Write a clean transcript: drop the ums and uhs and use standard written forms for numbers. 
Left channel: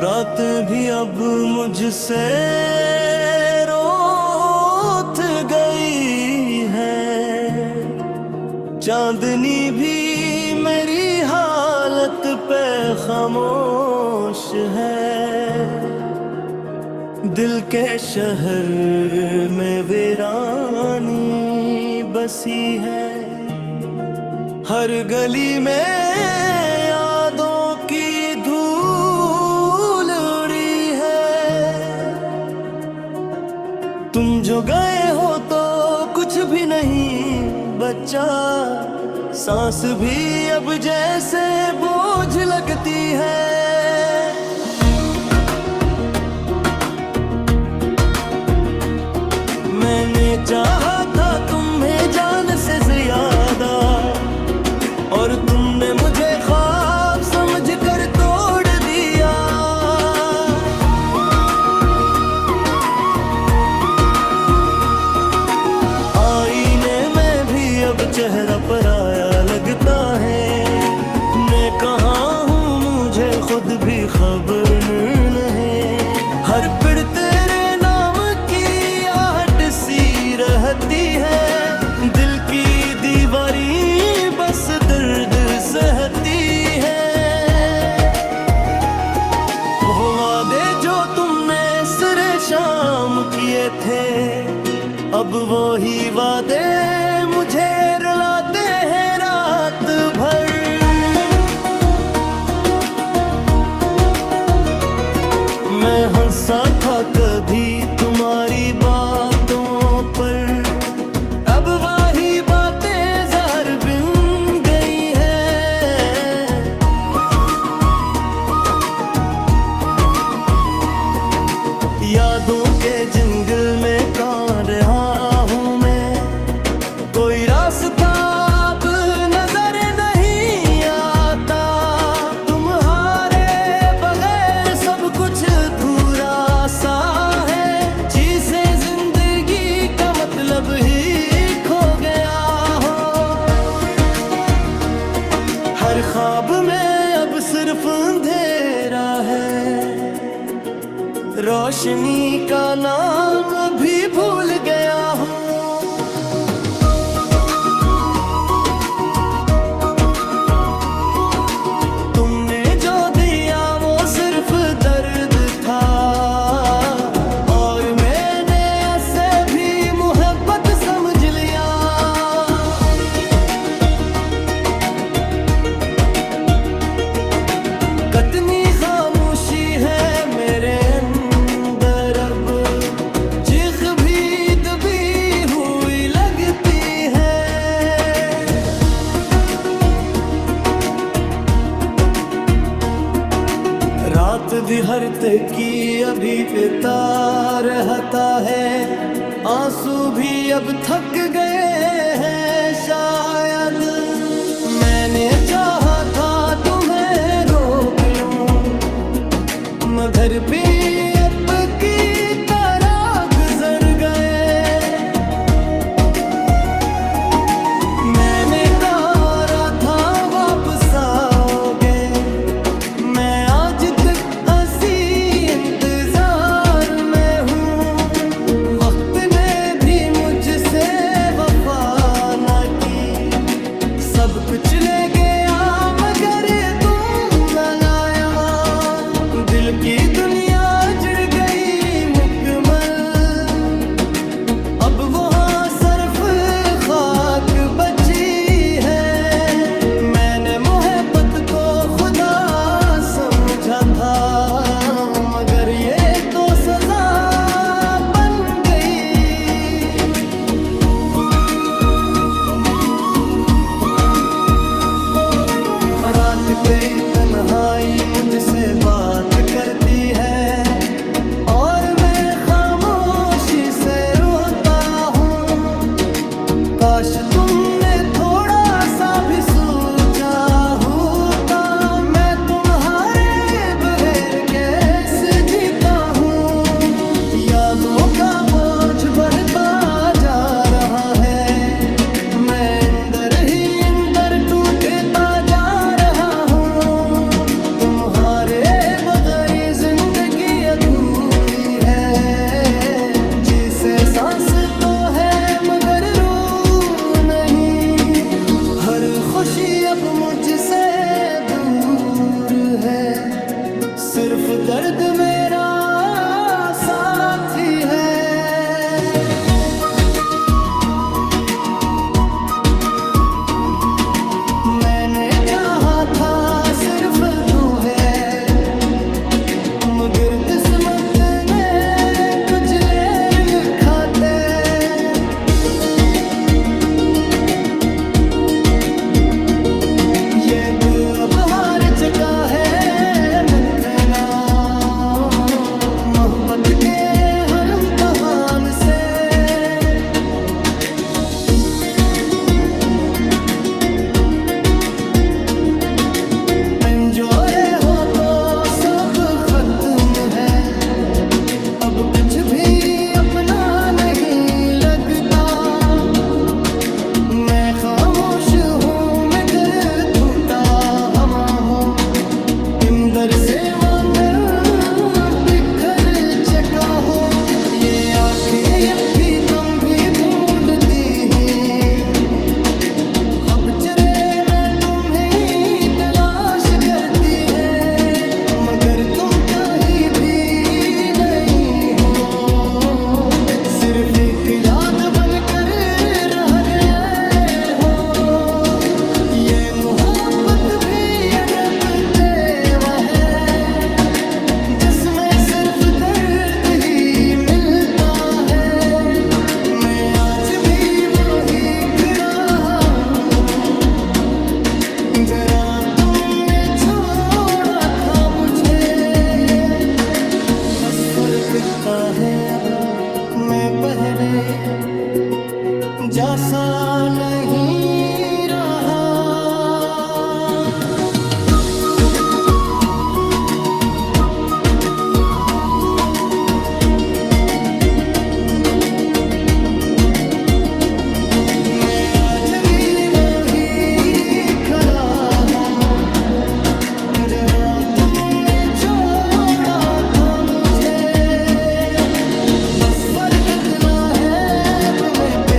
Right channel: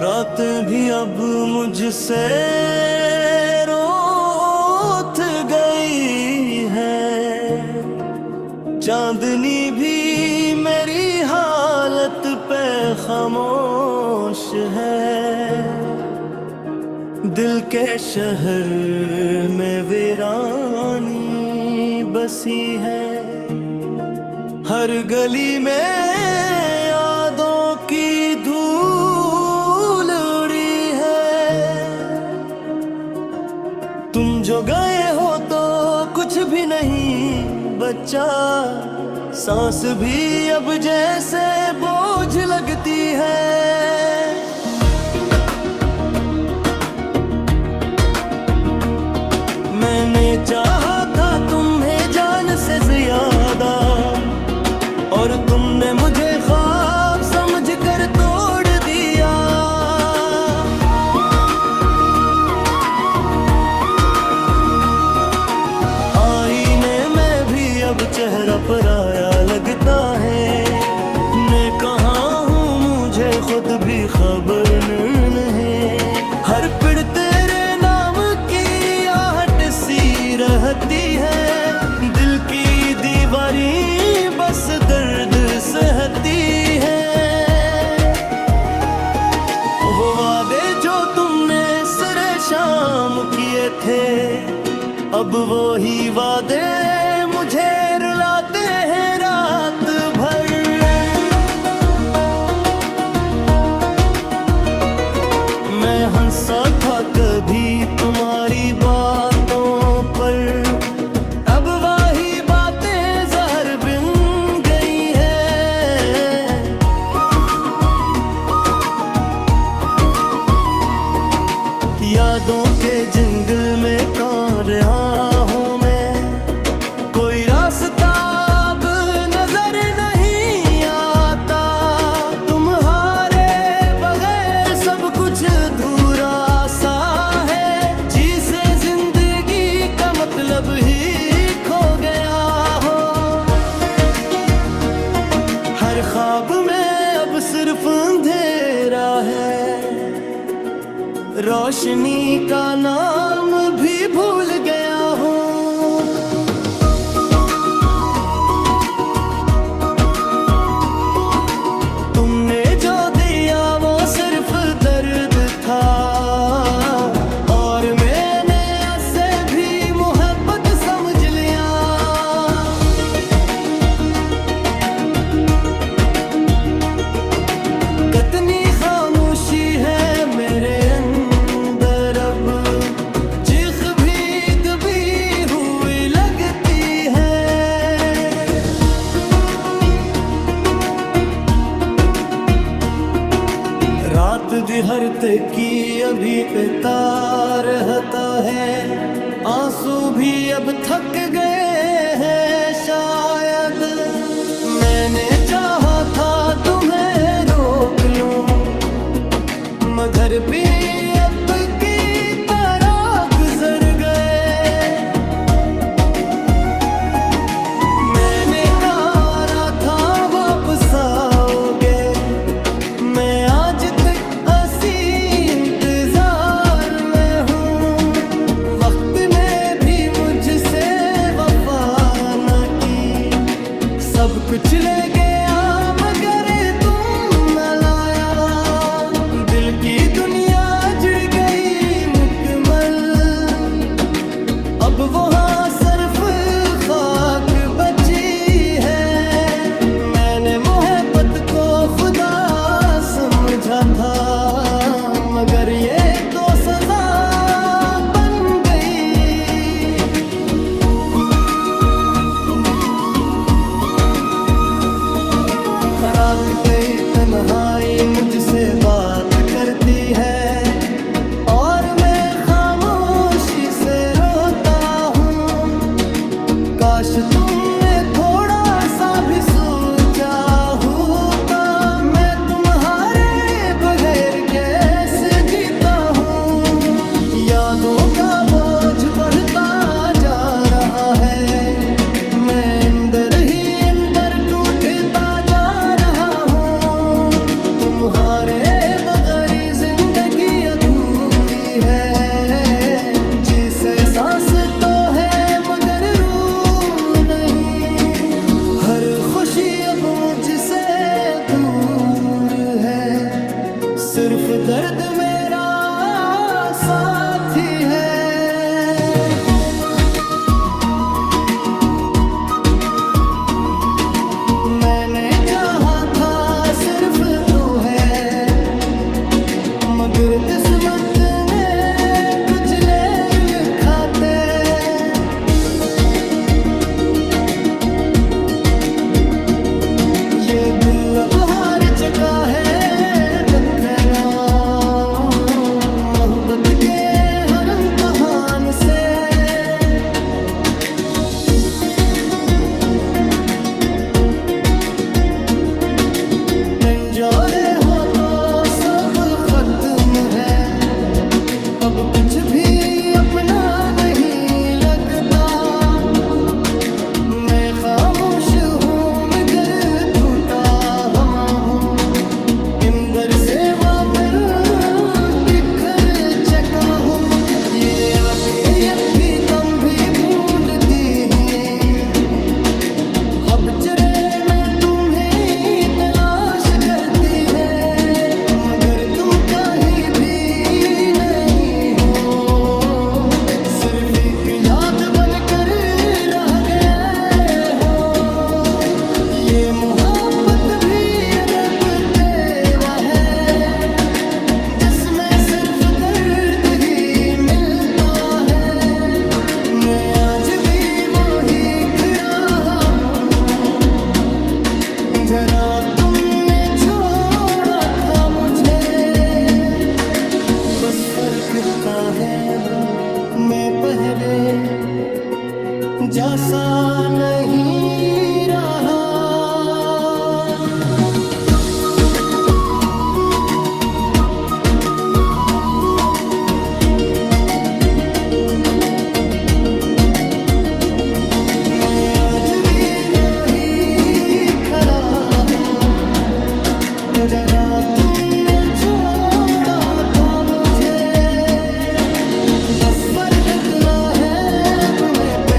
रात भी अब मुझसे रोत गई है, चांदनी भी मेरी हालत पे खामोश है। दिल के शहर में वीरानी बसी है, हर गली में यादों की धूल उड़ी है। तुम जो गए हो तो कुछ भी नहीं बच्चा, सांस भी अब जैसे बोझ लगती है। मैंने चाहा था तुम्हें जान से ज्यादा, और तुमने मुझे ख्वाब समझकर तोड़ दिया। आईने में भी अब चेहरा पराया लगता है। मैं कहाँ हूँ मुझे खुद भी खबर नहीं। हर पीड़ तेरे नाम की आहट सी रहती है, दिल की दीवारी बस दर्द सहती है। वो वादे जो तुमने सरे शाम किए थे, अब वो ही वादे मुझे रुलाते हैं रात भर। मैं हंसा था कभी तुम्हारी बातों पर, अब वही बातें जहर बिन गई है। यादों के जंगल में कहाँ रहा हूँ मैं, कोई रास्ता अब नजर नहीं आता। तुम्हारे बगैर सब कुछ अधूरा सा है, जिसे जिंदगी का मतलब ही खो गया हो। हर ख्वाब में अब सिर्फ अंधेरा है, रोशनी का नाम भी भूल गया हूँ। तुमने जो दिया वो सिर्फ दर्द था, और मैंने ऐसे भी मोहब्बत समझ लिया। कितनी खामोशी है मेरे अंदर, अब चीख भी दबी हुई लगती है। रात दिहर की अभी तार रहता है, आंसू भी अब थक गए हैं शायद। मैंने चाहा था तुम्हें रोक लूं, मगर भी अब की तरह गुजर गए। मैंने कहा था वापस आओगे, मैं आज तक ऐसी इंतजार में हूँ। वक्त ने भी मुझसे वफा न की, सब कुछ ले गया मगर तुम न लाया। दिल की दुनिया जुड़ गई मुकम्मल, अब वहाँ सिर्फ खाक बची है। मैंने मोहब्बत को खुदा समझा था, मगर ये तो सजा बन गई। रात पे तन्हाई मुझसे बात करती है, और मैं खामोशी से रोता हूँ। काश तुमने थोड़ा सा भी सोचा होता, मैं तुम्हारे बगैर कैसे जीता हूँ। यादों का बोझ बढ़ता जा रहा है, मैं अंदर ही अंदर टूटता जा रहा हूँ। तुम्हारे बगैर खुशी अब मुझसे दूर है, सिर्फ दर्द मेरा साथी है। मैंने चाहा था सिर्फ दो है, मगर किस्मत ने कुछ लेर लिखाते। ये दिल अब हार चुका है मैं कहना, मोहब्बत के हर इम्तिहान से। मंजूरे हो तो सब खत्म है, अब कुछ भी अपना नहीं लगता। मैं खामोश हूँ मगर टूटा हमा हूँ, इमदर से मैं बिखर चका हूँ। ये आंखें अब भी तुम भी ढूंढती हैं, अब चरे मैं तुम्हें तलाश करती है, मगर तुम कहीं भी नहीं हो, सिर्फ एक याद बनकर रह गए हो। ये मोहब्बत भी रब तेवा है, जिसमें सिर्फ दर्द ही मिलता है। मैं आज भी वही खड़ा हूँ, जरा तुमने छोड़ा था मुझे। बस फर्क इतना है अब मैं पहले जैसा नहीं रहा। मैं आज भी वही खड़ा हूँ, जरा तुमने छोड़ा था मुझे। बस फर्क इतना है अब मैं पे